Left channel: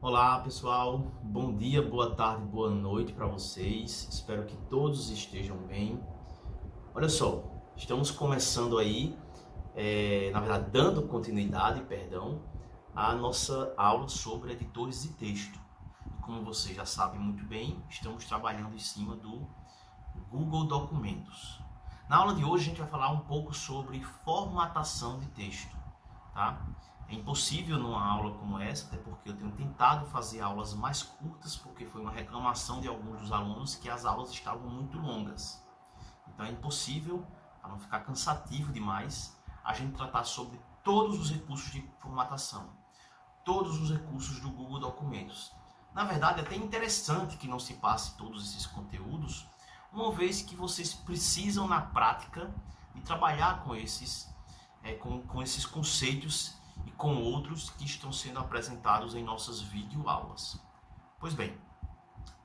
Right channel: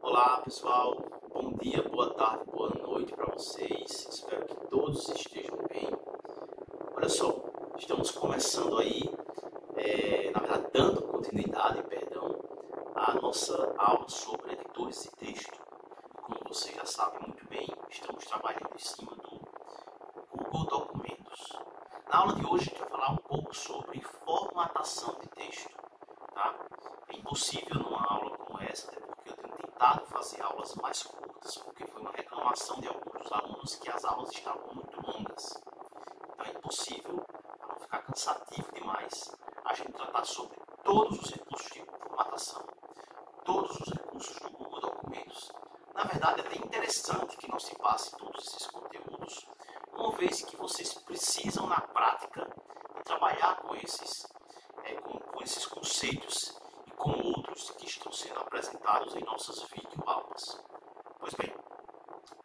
Olá pessoal, bom dia, boa tarde, boa noite para vocês. Espero que todos estejam bem. Olha só, estamos começando aí, na verdade dando continuidade, à nossa aula sobre editores de texto. Como vocês já sabem muito bem, estamos trabalhando em cima do Google Documentos. Na aula de hoje a gente vai falar um pouco sobre formatação de texto, tá? É impossível numa aula como essa, até porque eu tenho tentado fazer aulas mais curtas, porque foi uma reclamação de alguns dos alunos que as aulas estavam muito longas. Então é impossível, para não ficar cansativo demais, a gente tratar sobre todos os recursos de formatação, todos os recursos do Google Documentos. Na verdade, é até interessante que não se passe todos esses conteúdos, uma vez que vocês precisam, na prática, de trabalhar com esses conceitos e com outros que estão sendo apresentados em nossas videoaulas. Pois bem,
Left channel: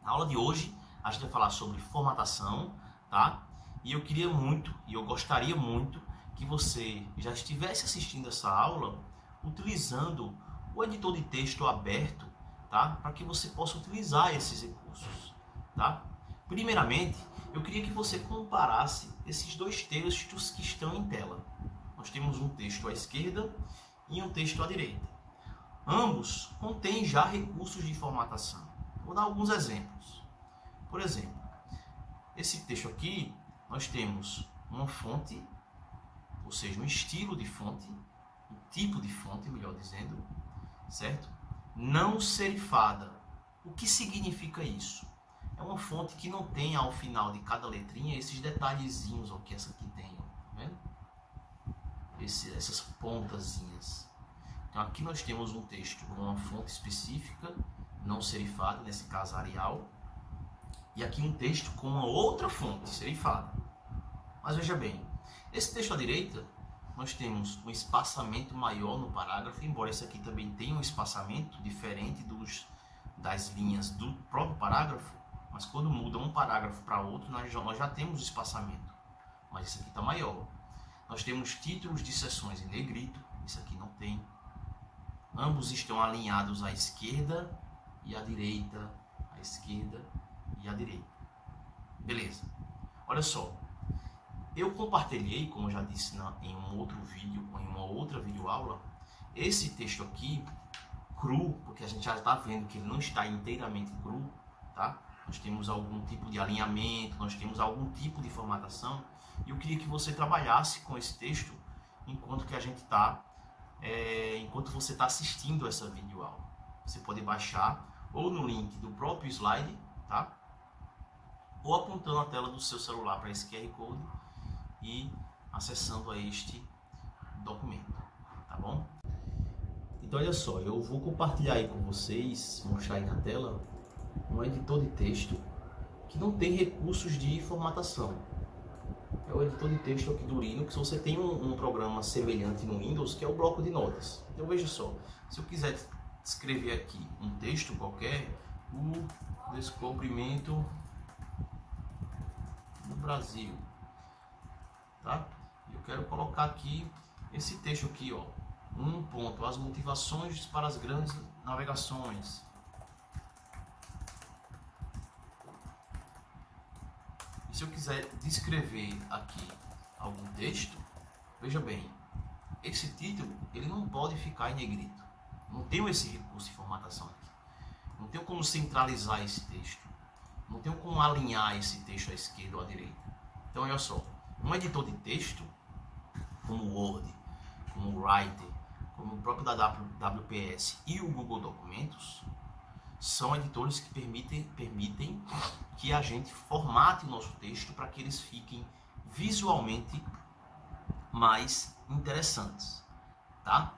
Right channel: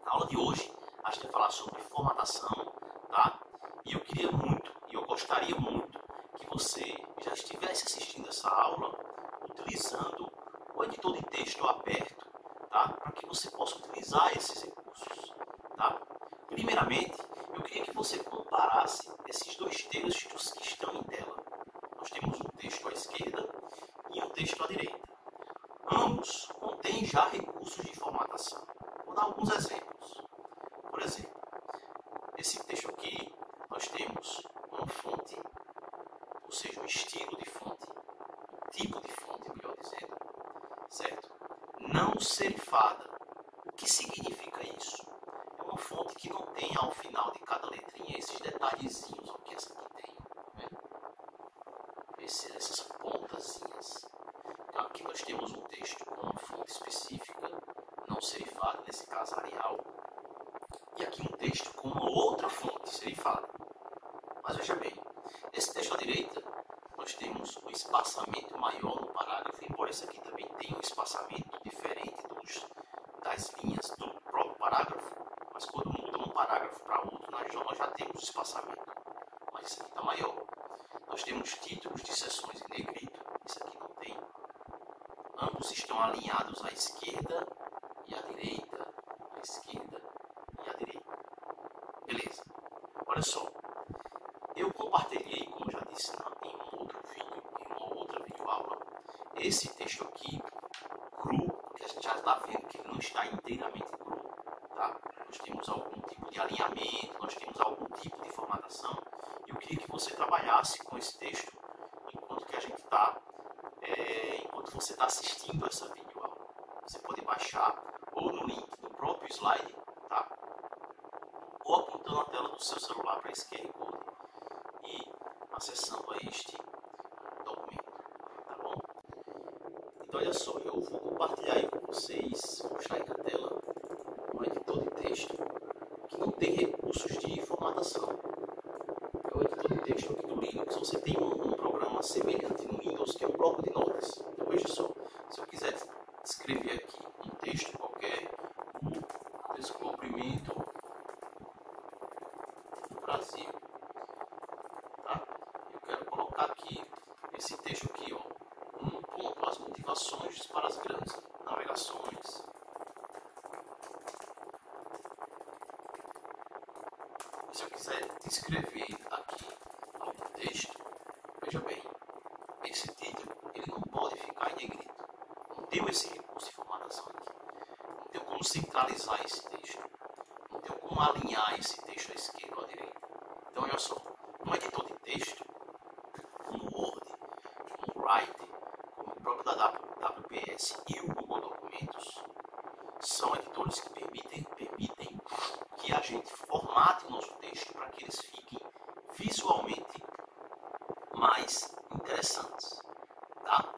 na aula de hoje a gente vai falar sobre formatação, tá? E eu gostaria muito que você já estivesse assistindo essa aula utilizando o editor de texto aberto, tá? Para que você possa utilizar esses recursos, tá? Primeiramente, eu queria que você comparasse esses dois textos que estão em tela. Nós temos um texto à esquerda e um texto à direita. Ambos contêm já recursos de formatação. Vou dar alguns exemplos. Por exemplo, esse texto aqui, nós temos uma fonte, ou seja, um estilo de fonte, um tipo de fonte, melhor dizendo, certo? Não serifada. O que significa isso? É uma fonte que não tem ao final de cada letrinha esses detalhezinhos ó, que essa aqui tem, tá vendo? Essas pontazinhas. Então aqui nós temos um texto com uma fonte específica, não serifada, nesse caso Arial, e aqui um texto com uma outra fonte serifada. Mas veja bem, esse texto à direita, nós temos um espaçamento maior no parágrafo, embora esse aqui também tenha um espaçamento diferente das linhas do próprio parágrafo, mas quando muda um parágrafo para outro, nós já temos espaçamento, mas esse aqui está maior. Nós temos títulos de seções em negrito, isso aqui não tem. Ambos estão alinhados à esquerda e à direita, à esquerda e à direita. Beleza. Olha só. Eu compartilhei, como eu já disse em um outro vídeo, em uma outra videoaula, esse texto aqui, cru, porque a gente já está vendo que ele não está inteiramente cru, tá? Nós temos algum tipo de alinhamento, nós temos algum tipo de formatação. E eu queria que você trabalhasse com esse texto enquanto você está assistindo essa videoaula. Você pode baixar ou no link do próprio slide, tá? Ou apontando a tela do seu celular para esse QR Code e acessando a este documento, tá bom? Então olha só, eu vou compartilhar aí com vocês, vou mostrar aí na tela, um editor de texto que não tem recursos de formatação. É o editor de texto aqui do Linux. Você tem um programa semelhante no Windows, que é o bloco de notas. Então veja só, se eu quiser escrever aqui um texto qualquer, o descobrimento do Brasil, tá? Eu quero colocar aqui esse texto aqui, ó, ponto, as motivações para as grandes navegações. Se eu quiser descrever aqui algum texto, veja bem, esse título ele não pode ficar em negrito. Não tenho esse recurso de formatação aqui. Não tenho como centralizar esse texto. Não tenho como alinhar esse texto à esquerda ou à direita. Então, olha só, um editor de texto, como o Word, como o Writer, como o próprio da WPS e o Google Documentos, são editores que permitem que a gente formate o nosso texto para que eles fiquem visualmente mais interessantes, tá?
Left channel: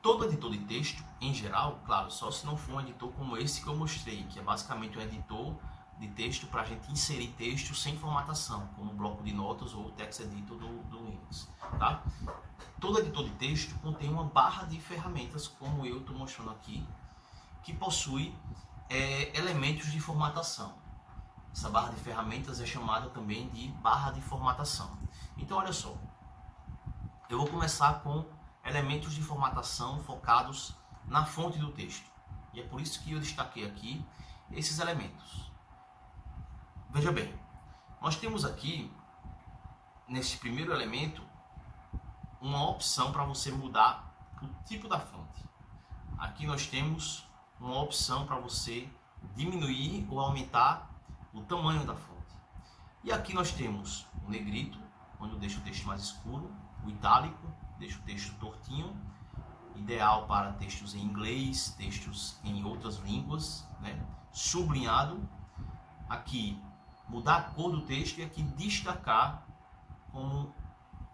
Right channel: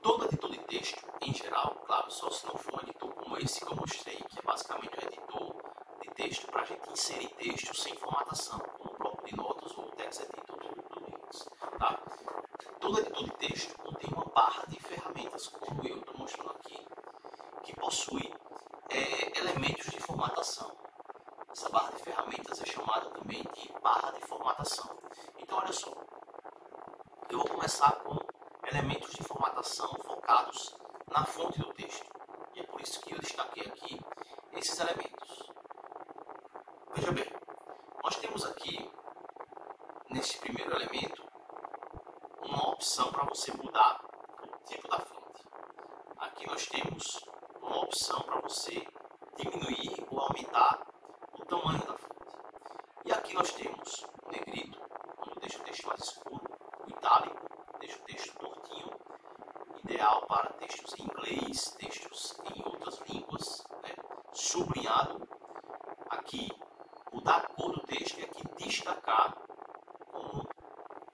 Todo editor de texto, em geral, claro, só se não for um editor como esse que eu mostrei, que é basicamente um editor de texto para a gente inserir texto sem formatação, como o bloco de notas ou o text editor do Linux, tá? Todo editor de texto contém uma barra de ferramentas, como eu estou mostrando aqui, que possui elementos de formatação. Essa barra de ferramentas é chamada também de barra de formatação. Então, olha só, eu vou começar com elementos de formatação focados na fonte do texto. E é por isso que eu destaquei aqui esses elementos. Veja bem, nós temos aqui, nesse primeiro elemento, uma opção para você mudar o tipo da fonte. Aqui nós temos uma opção para você diminuir ou aumentar o tamanho da fonte. E aqui nós temos o negrito, onde deixa o texto mais escuro, o itálico, deixa o texto tortinho, ideal para textos em inglês, textos em outras línguas, né? Sublinhado, aqui mudar a cor do texto e aqui destacar, como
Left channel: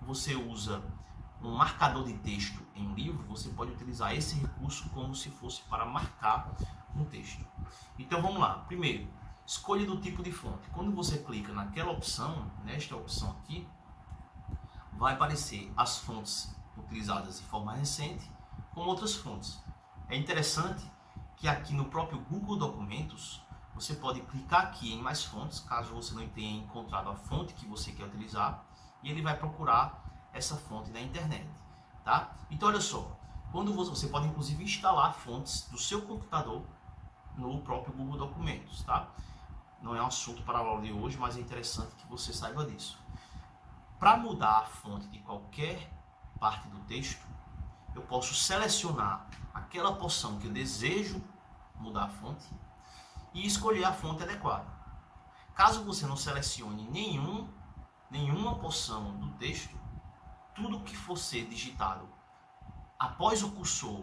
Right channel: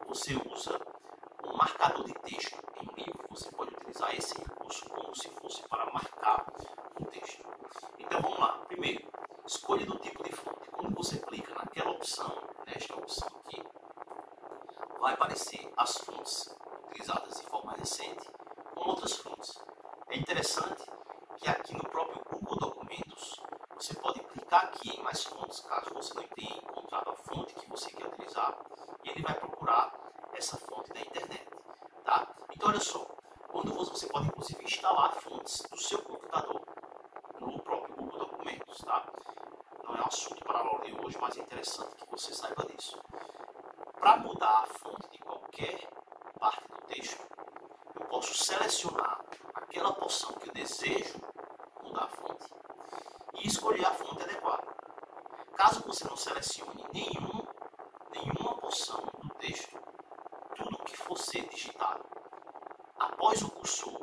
você usa um marcador de texto em livro, você pode utilizar esse recurso como se fosse para marcar um texto. Então vamos lá. Primeiro, escolha do tipo de fonte. Quando você clica naquela opção, nesta opção aqui, vai aparecer as fontes utilizadas de forma recente com outras fontes. É interessante que aqui no próprio Google Documentos, você pode clicar aqui em mais fontes, caso você não tenha encontrado a fonte que você quer utilizar, e ele vai procurar essa fonte da internet, tá? Então olha só, quando você pode inclusive instalar fontes do seu computador no próprio Google Documentos, tá? Não é um assunto para a aula de hoje, mas é interessante que você saiba disso. Para mudar a fonte de qualquer parte do texto, eu posso selecionar aquela porção que eu desejo mudar a fonte e escolher a fonte adequada. Caso você não selecione nenhuma porção do texto, tudo que for ser digitado após o cursor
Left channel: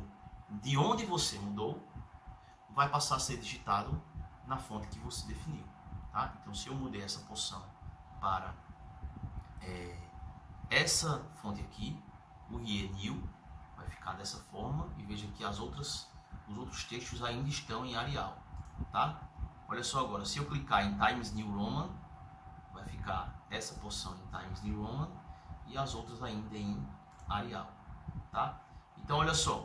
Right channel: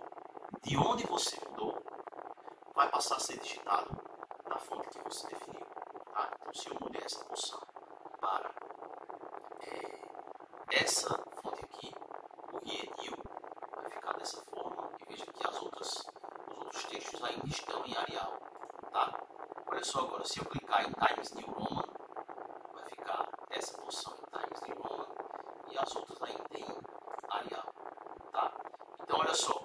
de onde você mudou, vai passar a ser digitado na fonte que você definiu. Tá? Então, se eu mudei essa porção para essa fonte aqui, o Rienil, vai ficar dessa forma, e veja que os outros textos ainda estão em Arial. Tá? Olha só agora, se eu clicar em Times New Roman, vai ficar essa porção em Times New Roman e as outras ainda em Arial. Tá? Então olha só,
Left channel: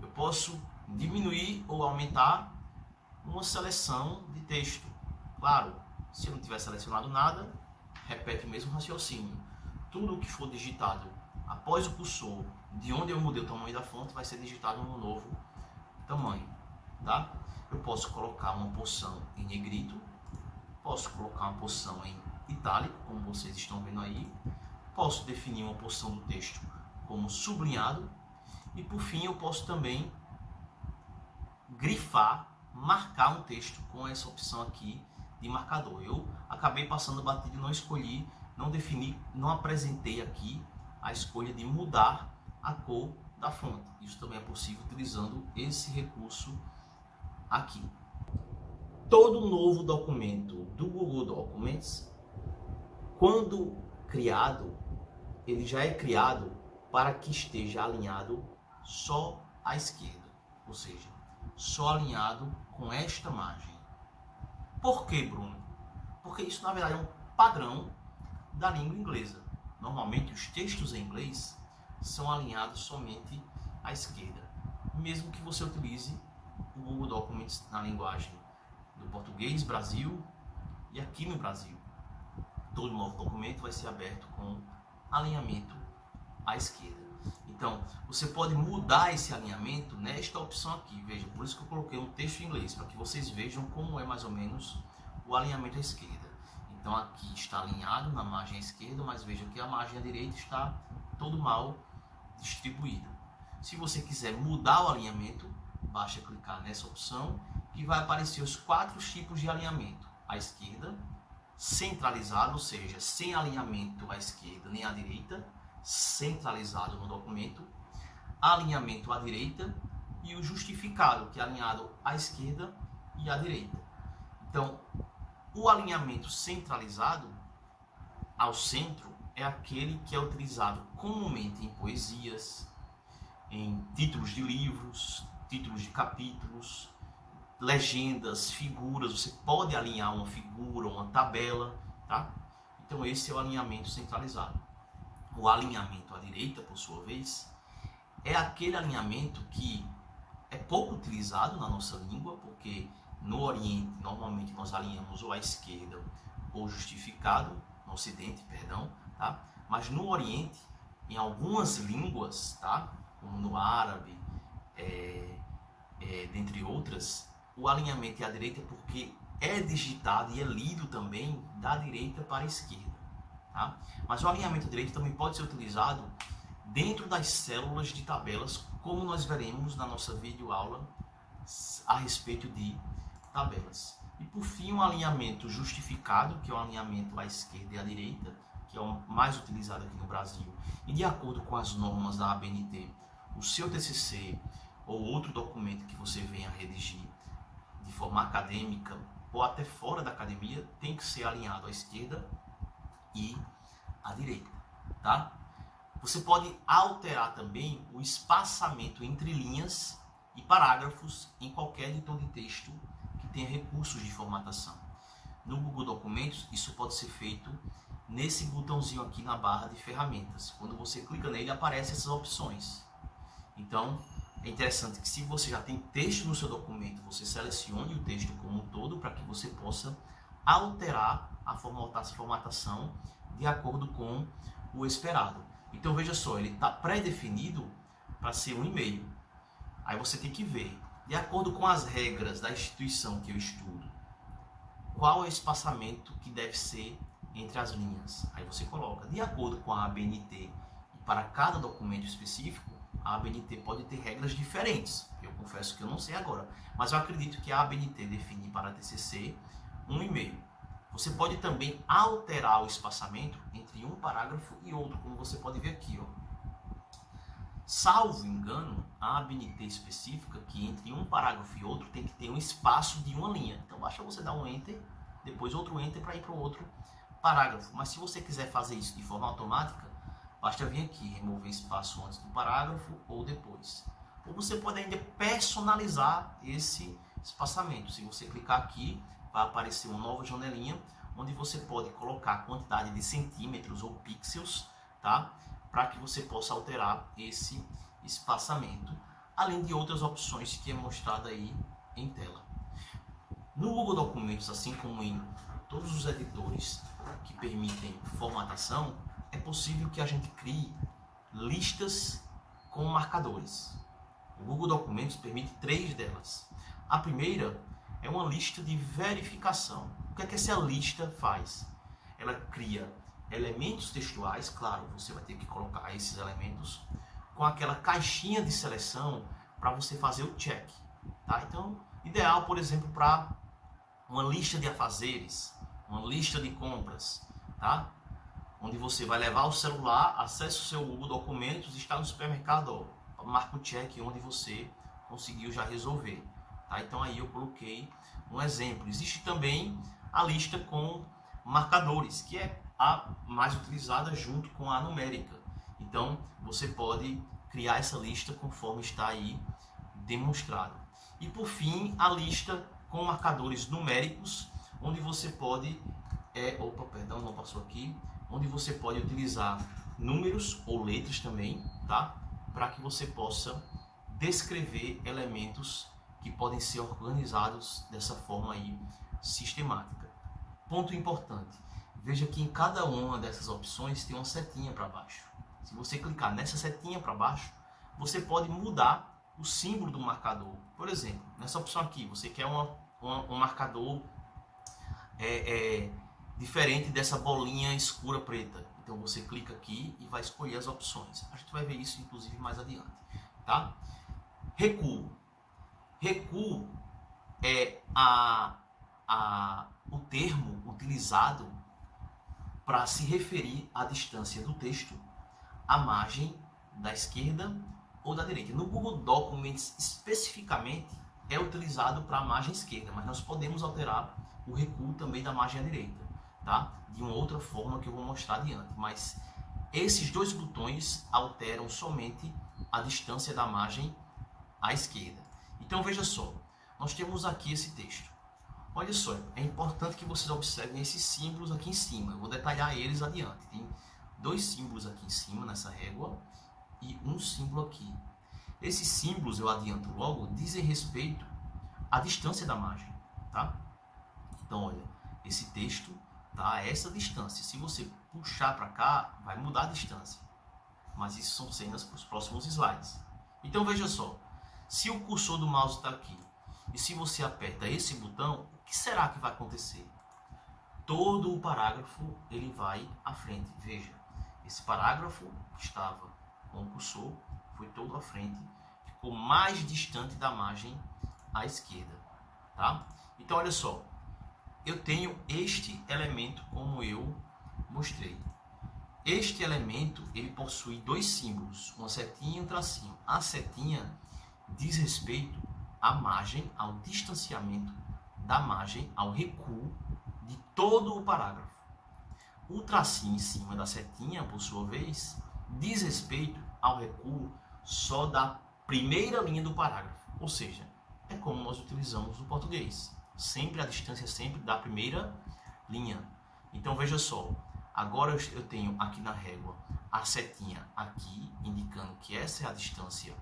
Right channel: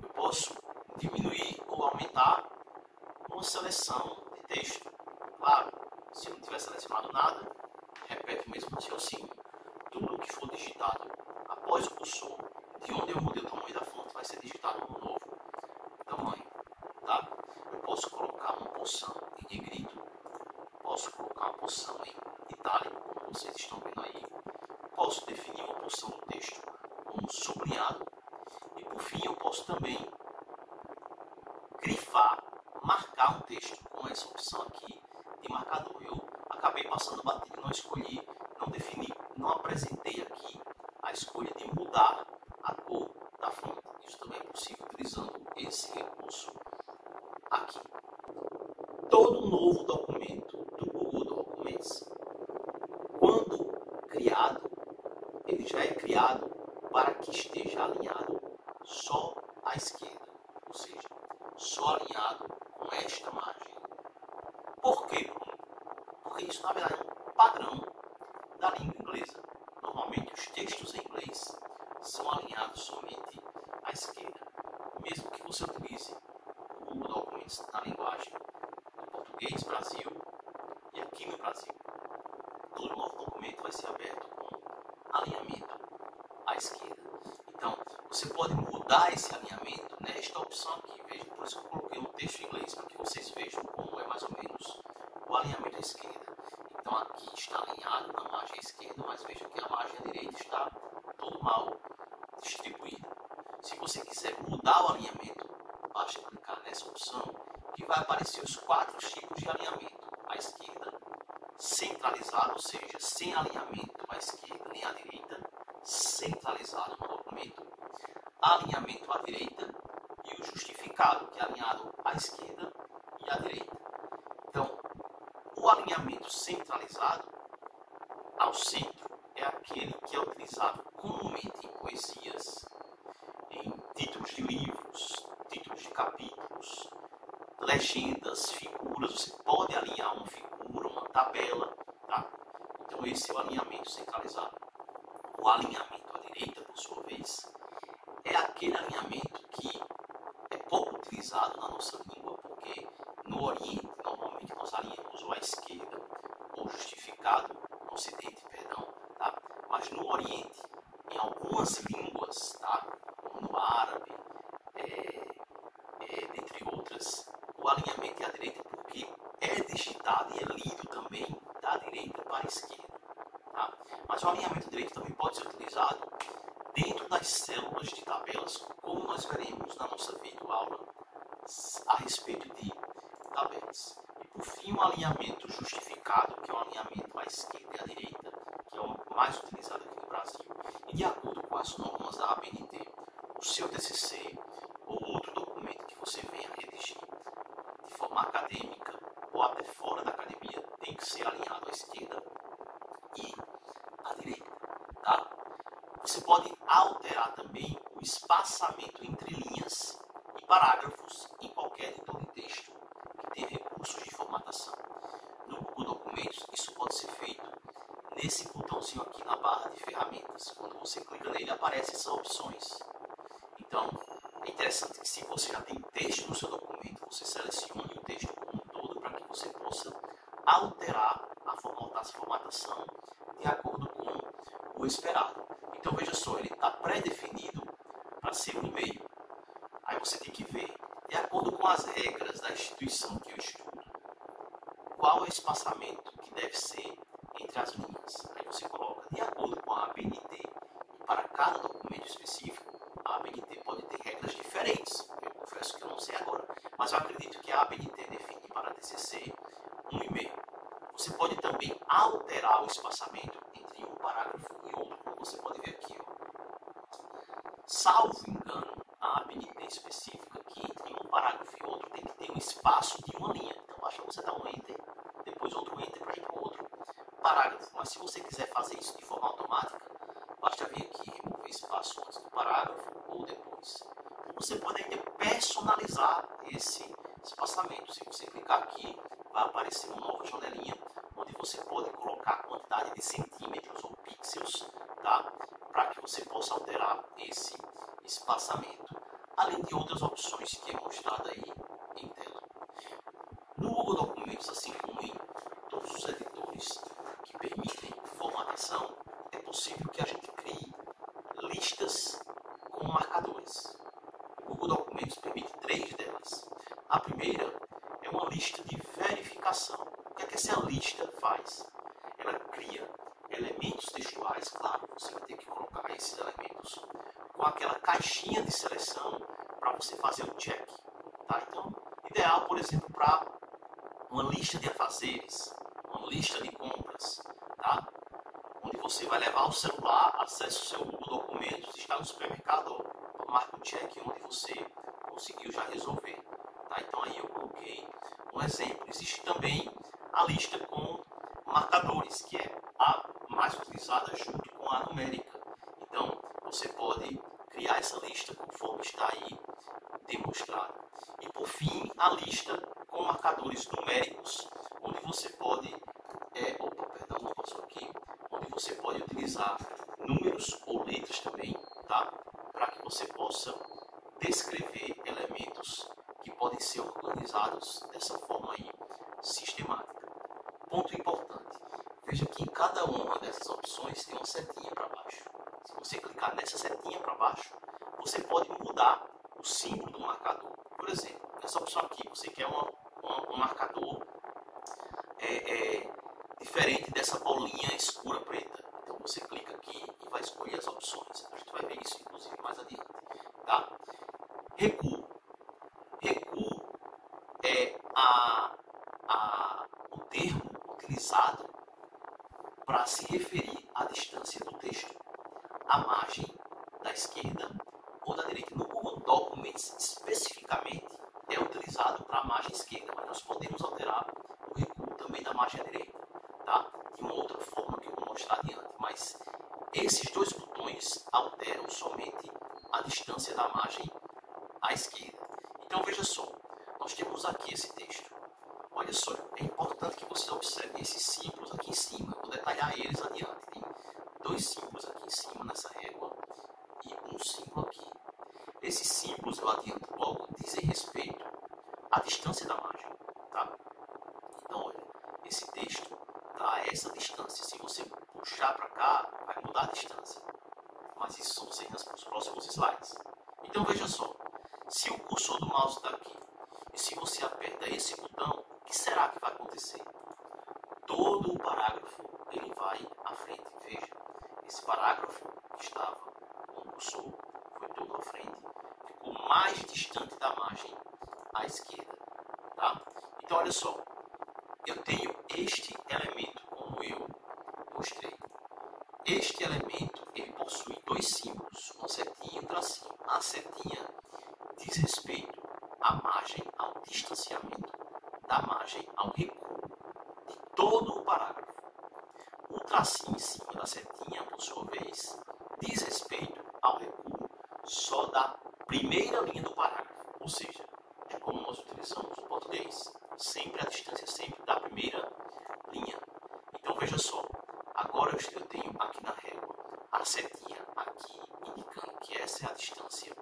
eu posso diminuir ou aumentar uma seleção de texto. Claro, se eu não tiver selecionado nada, repete o mesmo raciocínio. Tudo o que for digitado após o cursor de onde eu mudei o tamanho da fonte vai ser digitado no novo tamanho. Tá? Eu posso colocar uma porção em negrito, posso colocar uma porção em itálico, como vocês estão vendo aí, posso definir uma porção do texto como sublinhado e por fim eu posso também grifar, marcar um texto com essa opção aqui de marcador. Eu acabei passando batido, não escolhi, não defini, não apresentei aqui a escolha de mudar a cor da fonte. Isso também é possível utilizando esse recurso aqui. Todo novo documento do Google Documents, quando criado, ele já é criado para que esteja alinhado só à esquerda, ou seja, só alinhado com esta margem. Por quê, Bruno? Porque isso, na verdade, é um padrão da língua inglesa. Normalmente, os textos em inglês são alinhados somente à esquerda, mesmo que você utilize o Google Documents na linguagem do português, Brasil e aqui no Brasil. Todo novo documento vai ser aberto com alinhamento à esquerda. Então, você pode mudar esse alinhamento nesta opção aqui. Veja, por isso que eu coloquei um texto em inglês, para que vocês vejam como é mais ou menos o alinhamento à esquerda. Então, aqui está alinhado na margem esquerda, mas veja que a margem à direita está todo mal distribuída. Se você quiser mudar o alinhamento, basta clicar nessa opção e vai aparecer os 4 tipos de alinhamento. À esquerda, centralizado, ou seja, sem alinhamento à esquerda nem à direita, centralizado no documento, alinhamento à direita e o justificado, que é alinhado à esquerda e à direita. Então, o alinhamento centralizado ao centro é aquele que é utilizado comumente em poesias, em títulos de livros, títulos de capítulos, legendas, figuras. Você pode alinhar uma figura, uma tabela, tá? Então esse é o alinhamento centralizado. O alinhamento à direita, por sua vez, é aquele alinhamento que é pouco utilizado na nossa língua, porque no Oriente, normalmente nós alinhamos ou à esquerda ou justificado, no Ocidente, perdão, tá? Mas no Oriente, em algumas línguas, tá? Como no árabe, dentre outras, o alinhamento é à direita porque é digitado e é lido também da direita para a esquerda. Tá? Mas o alinhamento direito também pode ser utilizado dentro das células de tabelas, como nós veremos na nossa videoaula a respeito de tabelas. E por fim, um alinhamento justificado, que é um alinhamento à esquerda e à direita, que é o mais utilizado aqui no Brasil. E de acordo com as normas da ABNT, o seu TCC ou outro documento que você venha redigir de forma acadêmica ou até fora da academia, tem que ser alinhado à esquerda e à direita, tá? Você pode alterar também o espaçamento entre linhas e parágrafos em qualquer editor de texto que tenha recursos de formatação. No Google Documentos, isso pode ser feito nesse botãozinho aqui na barra de ferramentas. Quando você clica nele, aparecem essas opções. Então, é interessante que se você já tem texto no seu documento, você selecione o texto como um todo para que você possa alterar a formatação de acordo com o esperado. Então, veja só, ele está pré-definido para ser um e-mail. Aí você tem que ver, de acordo com as regras da instituição que eu estudo, qual é o espaçamento que deve ser entre as linhas. Aí você coloca, de acordo com a ABNT, e para cada documento específico, a ABNT pode ter regras diferentes. Eu confesso que eu não sei agora, mas eu acredito que a ABNT define para a TCC um e-mail. Você pode também alterar o espaçamento entre um parágrafo e outro, como você pode ver aqui. Ó. Salvo engano, a ABNT específica que entre um parágrafo e outro tem que ter um espaço de uma linha. Então basta você dar um Enter, depois outro Enter para ir para o outro parágrafo. Mas se você quiser fazer isso de forma automática, basta vir aqui, remover espaço antes do parágrafo ou depois. Ou você pode ainda personalizar esse espaçamento. Se você clicar aqui, vai aparecer uma nova janelinha, onde você pode colocar a quantidade de centímetros ou pixels, tá? Para que você possa alterar esse espaçamento, além de outras opções que é mostrada aí em tela. No Google Documentos, assim como em todos os editores que permitem formatação, é possível que a gente crie listas com marcadores. O Google Documentos permite 3 delas. A primeira é uma lista de verificação. O que é que essa lista faz? Ela cria elementos textuais, claro, você vai ter que colocar esses elementos, com aquela caixinha de seleção para você fazer o check. Tá? Então, ideal, por exemplo, para uma lista de afazeres, uma lista de compras, tá? Onde você vai levar o celular, acessa o seu Google Documentos, está no supermercado, ó, marca o check onde você conseguiu já resolver. Tá? Então aí eu coloquei um exemplo. Existe também a lista com marcadores, que é a mais utilizada junto com a numérica. Então você pode criar essa lista conforme está aí demonstrado. E por fim, a lista com marcadores numéricos, onde você pode não passou aqui, onde você pode utilizar números ou letras também, tá? Para que você possa descrever elementos que podem ser organizados dessa forma aí sistemática. Ponto importante, veja que em cada uma dessas opções tem uma setinha para baixo. Se você clicar nessa setinha para baixo, você pode mudar o símbolo do marcador. Por exemplo, nessa opção aqui, você quer um marcador diferente dessa bolinha escura preta. Então você clica aqui e vai escolher as opções. A gente vai ver isso inclusive mais adiante. Tá? Recuo. Recuo é o termo utilizado para se referir à distância do texto à margem da esquerda ou da direita. No Google Documents, especificamente, é utilizado para a margem esquerda, mas nós podemos alterar o recuo também da margem à direita, tá? De uma outra forma que eu vou mostrar adiante. Mas esses dois botões alteram somente a distância da margem à esquerda. Então veja só, nós temos aqui esse texto. Olha só, é importante que vocês observem esses símbolos aqui em cima. Eu vou detalhar eles adiante. Tem 2 símbolos aqui em cima nessa régua e um símbolo aqui. Esses símbolos, eu adianto logo, dizem respeito à distância da margem, tá? Então, olha, esse texto tá a essa distância. Se você puxar para cá, vai mudar a distância. Mas isso são cenas para os próximos slides. Então, veja só. Se o cursor do mouse está aqui e se você aperta esse botão, o que será que vai acontecer? Todo o parágrafo ele vai à frente. Veja, esse parágrafo que estava com o cursor foi todo à frente, ficou mais distante da margem à esquerda, tá? Então olha só, eu tenho este elemento como eu mostrei. Este elemento ele possui dois símbolos, uma setinha e um tracinho. A setinha diz respeito à margem, ao distanciamento da margem, ao recuo de todo o parágrafo. O tracinho em cima da setinha, por sua vez, diz respeito ao recuo só da primeira linha do parágrafo. Ou seja, é como nós utilizamos no português. Sempre a distância sempre da primeira linha. Então veja só, agora eu tenho aqui na régua a setinha aqui, indicando que essa é a distância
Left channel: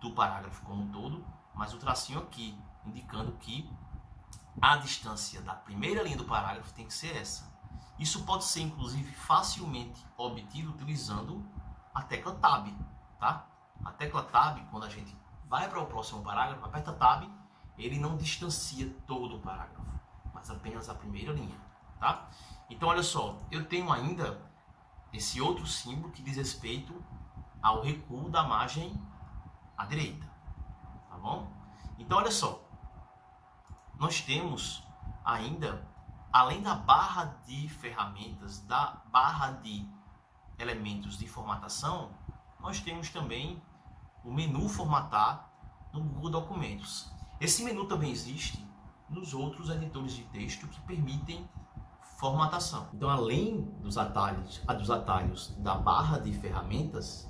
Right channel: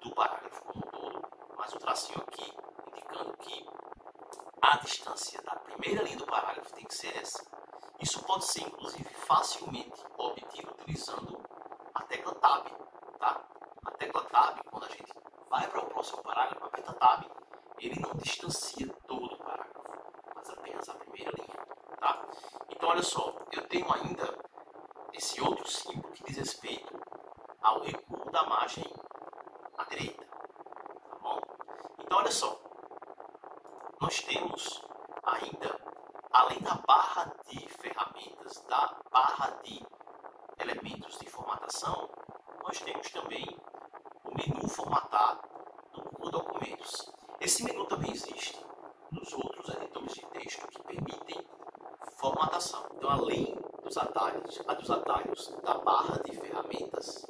do parágrafo como um todo, mas o tracinho aqui, indicando que a distância da primeira linha do parágrafo tem que ser essa. Isso pode ser, inclusive, facilmente obtido utilizando a tecla Tab, tá? A tecla Tab, quando a gente vai para o próximo parágrafo, aperta Tab, ele não distancia todo o parágrafo, mas apenas a primeira linha, tá? Então, olha só, eu tenho ainda esse outro símbolo que diz respeito ao recuo da margem à direita, tá bom? Então, olha só, nós temos ainda, além da barra de ferramentas, da barra de elementos de formatação, nós temos também o menu formatar no Google Documentos. Esse menu também existe nos outros editores de texto que permitem formatação. Então, além dos atalhos da barra de ferramentas,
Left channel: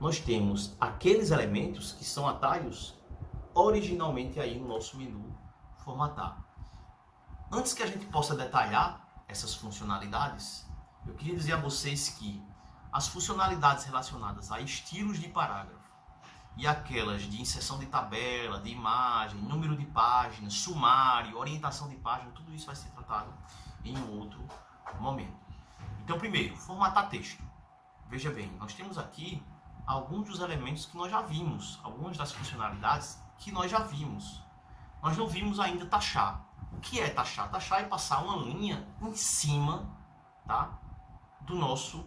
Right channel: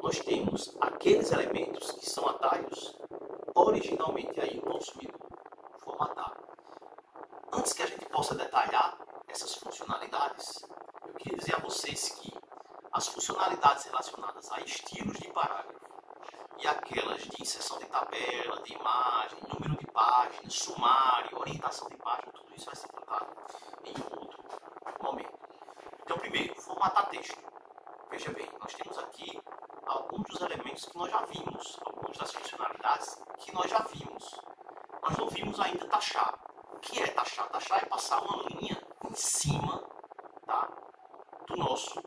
nós temos aqueles elementos que são atalhos originalmente aí no nosso menu formatar. Antes que a gente possa detalhar essas funcionalidades, eu queria dizer a vocês que as funcionalidades relacionadas a estilos de parágrafo e aquelas de inserção de tabela, de imagem, número de páginas, sumário, orientação de página, tudo isso vai ser tratado em outro momento. Então, primeiro, formatar texto. Veja bem, nós temos aqui alguns dos elementos que nós já vimos, algumas das funcionalidades que nós já vimos. Nós não vimos ainda taxar. O que é taxar? Taxar é passar uma linha em cima, tá, do nosso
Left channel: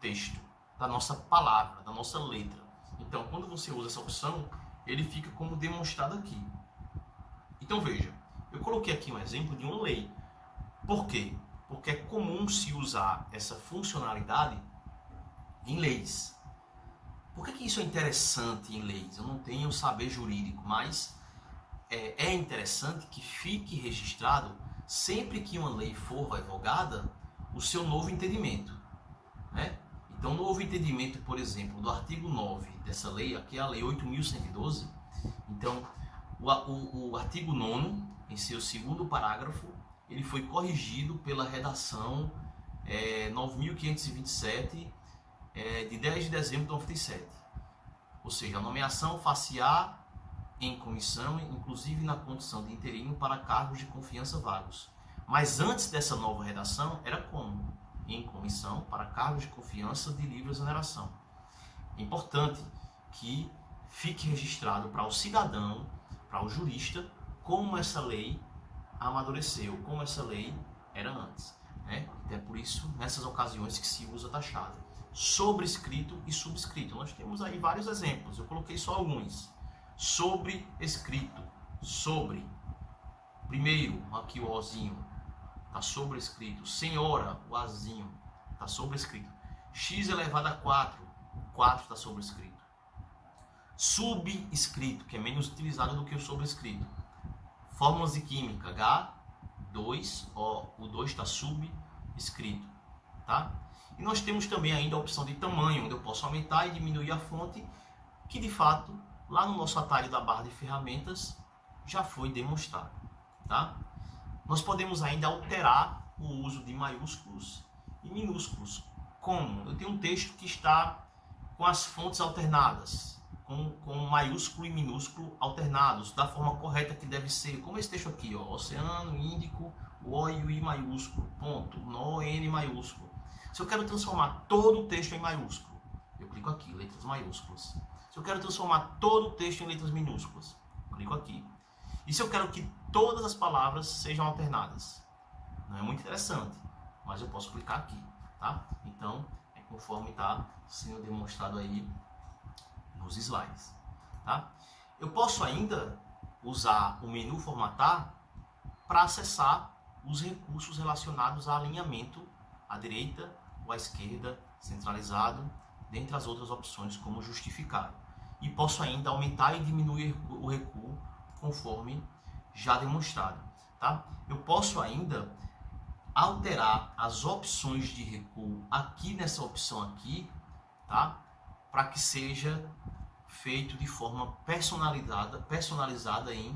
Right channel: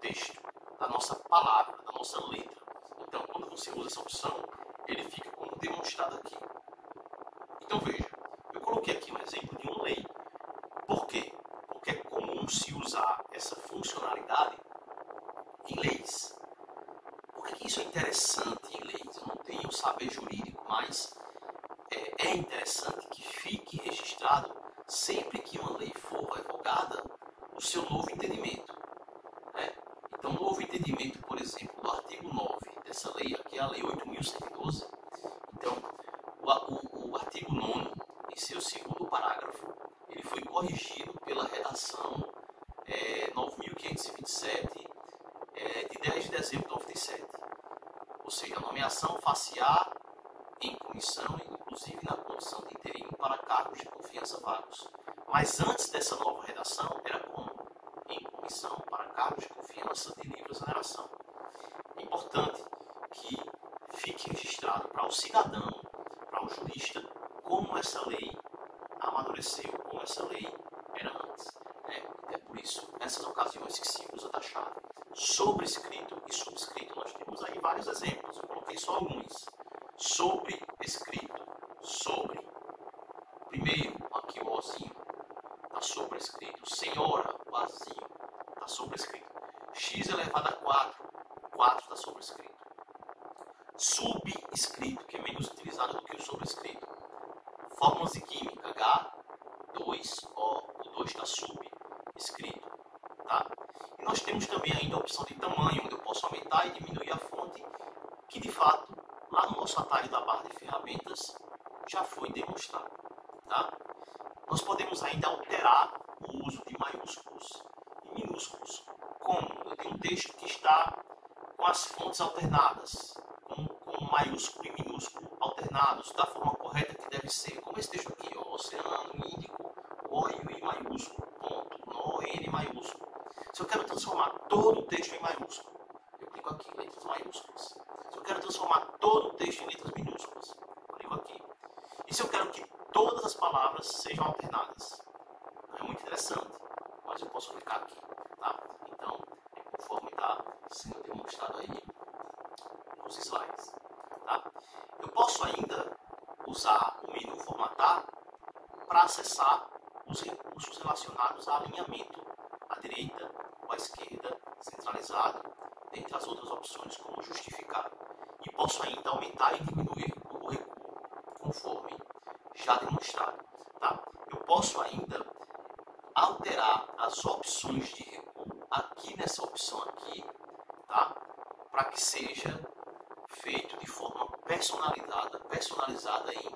texto, da nossa palavra, da nossa letra. Então, quando você usa essa opção, ele fica como demonstrado aqui. Então, veja, eu coloquei aqui um exemplo de uma lei. Por quê? Porque é comum se usar essa funcionalidade em leis. Por que isso é interessante em leis? Eu não tenho saber jurídico, mas é interessante que fique registrado, sempre que uma lei for revogada, o seu novo entendimento, né? Então, no novo entendimento, por exemplo, do artigo 9 dessa lei, aqui é a Lei 8.112, então, o artigo 9º, em seu segundo parágrafo, ele foi corrigido pela redação 9.527, de 10 de dezembro de 97. Ou seja, a nomeação far-se-á em comissão, inclusive na condição de interino para cargos de confiança vagos. Mas antes dessa nova redação, era como? Em comissão para cargos de confiança de livre exoneração. É importante que fique registrado para o cidadão, para o jurista, como essa lei amadureceu, como essa lei era antes, né? É por isso, nessas ocasiões, que se usa taxado. Sobrescrito e subscrito. Nós temos aí vários exemplos, eu coloquei só alguns. Sobrescrito, sobre. Primeiro, aqui o Ozinho, está sobrescrito. Senhora, o Azinho, está sobrescrito. X elevado a 4, o 4 está sobrescrito. Subscrito, que é menos utilizado do que o sobrescrito. Fórmulas de química, H2O, o 2 está subscrito, tá? E nós temos também ainda a opção de tamanho, onde eu posso aumentar e diminuir a fonte, que de fato, lá no nosso atalho da barra de ferramentas, já foi demonstrado, tá? Nós podemos ainda alterar o uso de maiúsculos e minúsculos. Como? Eu tenho um texto que está com as fontes alternadas, com maiúsculo e minúsculo alternados, da forma correta que deve ser, como esse texto aqui, ó, Oceano Índico, o O e o I maiúsculo, ponto, no N maiúsculo. Se eu quero transformar todo o texto em maiúsculo, eu clico aqui, letras maiúsculas. Se eu quero transformar todo o texto em letras minúsculas, eu clico aqui. E se eu quero que todas as palavras sejam alternadas? Não é muito interessante, mas eu posso clicar aqui, tá? Então, é conforme está sendo demonstrado aí nos slides, tá? Eu posso ainda usar o menu formatar para acessar os recursos relacionados a alinhamento à direita ou à esquerda, centralizado, dentre as outras opções como justificar. E posso ainda aumentar e diminuir o recuo conforme já demonstrado, tá? Eu posso ainda alterar as opções de recuo aqui nessa opção aqui, tá? Para que seja feito de forma personalizada em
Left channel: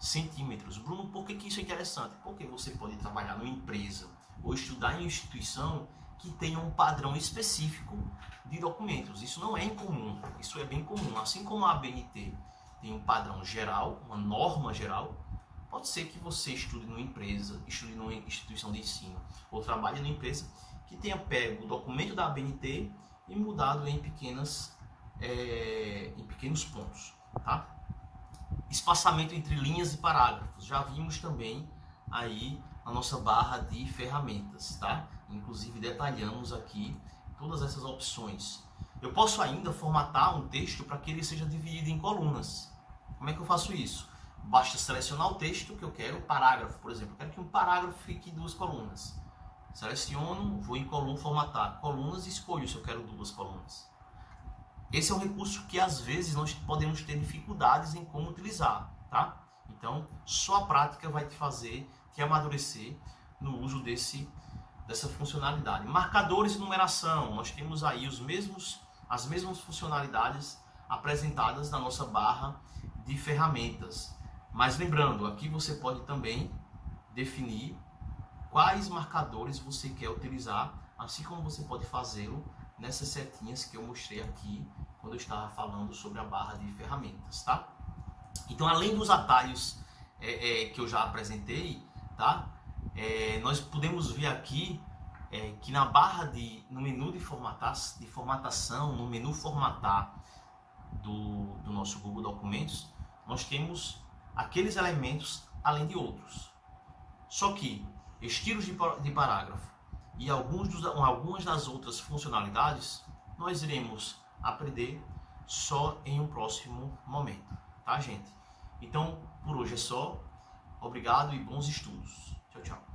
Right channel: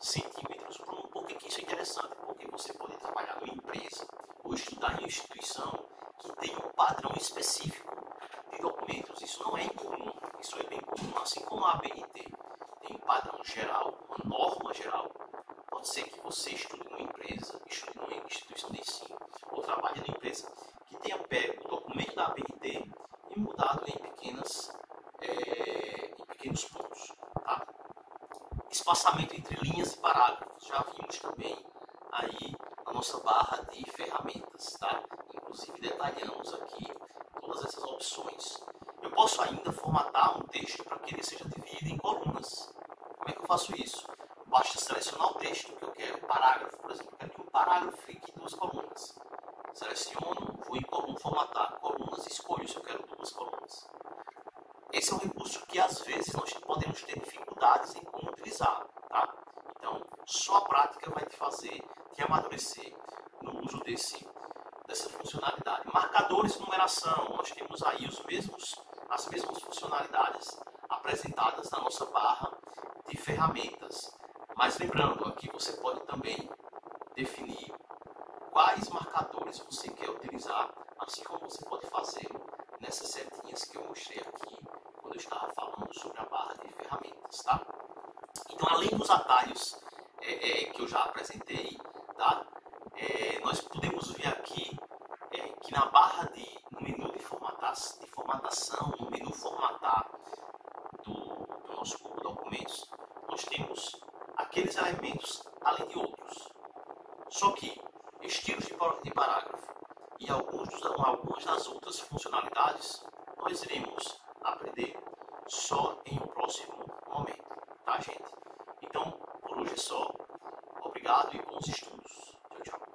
centímetros. Bruno, por que isso é interessante? Porque você pode trabalhar numa empresa ou estudar em uma instituição que tenha um padrão específico de documentos. Isso não é incomum, isso é bem comum. Assim como a ABNT tem um padrão geral, uma norma geral, pode ser que você estude numa empresa, estude numa instituição de ensino, ou trabalhe numa empresa que tenha pego o documento da ABNT e mudado em pequenos pontos, tá? Espaçamento entre linhas e parágrafos. Já vimos também aí a nossa barra de ferramentas, tá? Inclusive detalhamos aqui todas essas opções. Eu posso ainda formatar um texto para que ele seja dividido em colunas. Como é que eu faço isso? Basta selecionar o texto que eu quero, parágrafo, por exemplo. Eu quero que um parágrafo fique em 2 colunas. Seleciono, vou em coluna, formatar colunas e escolho se eu quero 2 colunas. Esse é um recurso que às vezes nós podemos ter dificuldades em como utilizar, tá? Então, só a prática vai te fazer te amadurecer no uso dessa funcionalidade. Marcadores de numeração, nós temos aí as mesmas funcionalidades apresentadas na nossa barra de ferramentas. Mas lembrando, aqui você pode também definir quais marcadores você quer utilizar, assim como você pode fazê-lo nessas setinhas que eu mostrei aqui quando eu estava falando sobre a barra de ferramentas, tá? Então, além dos atalhos que eu já apresentei, tá? Nós podemos ver aqui que no menu de formatação, no menu formatar do nosso Google Documentos, nós temos aqueles elementos além de outros. Só que estilos de parágrafo e algumas das outras funcionalidades nós iremos aprender só em um próximo momento, tá, gente? Então, por hoje é só. Obrigado e bons estudos. Tchau, tchau.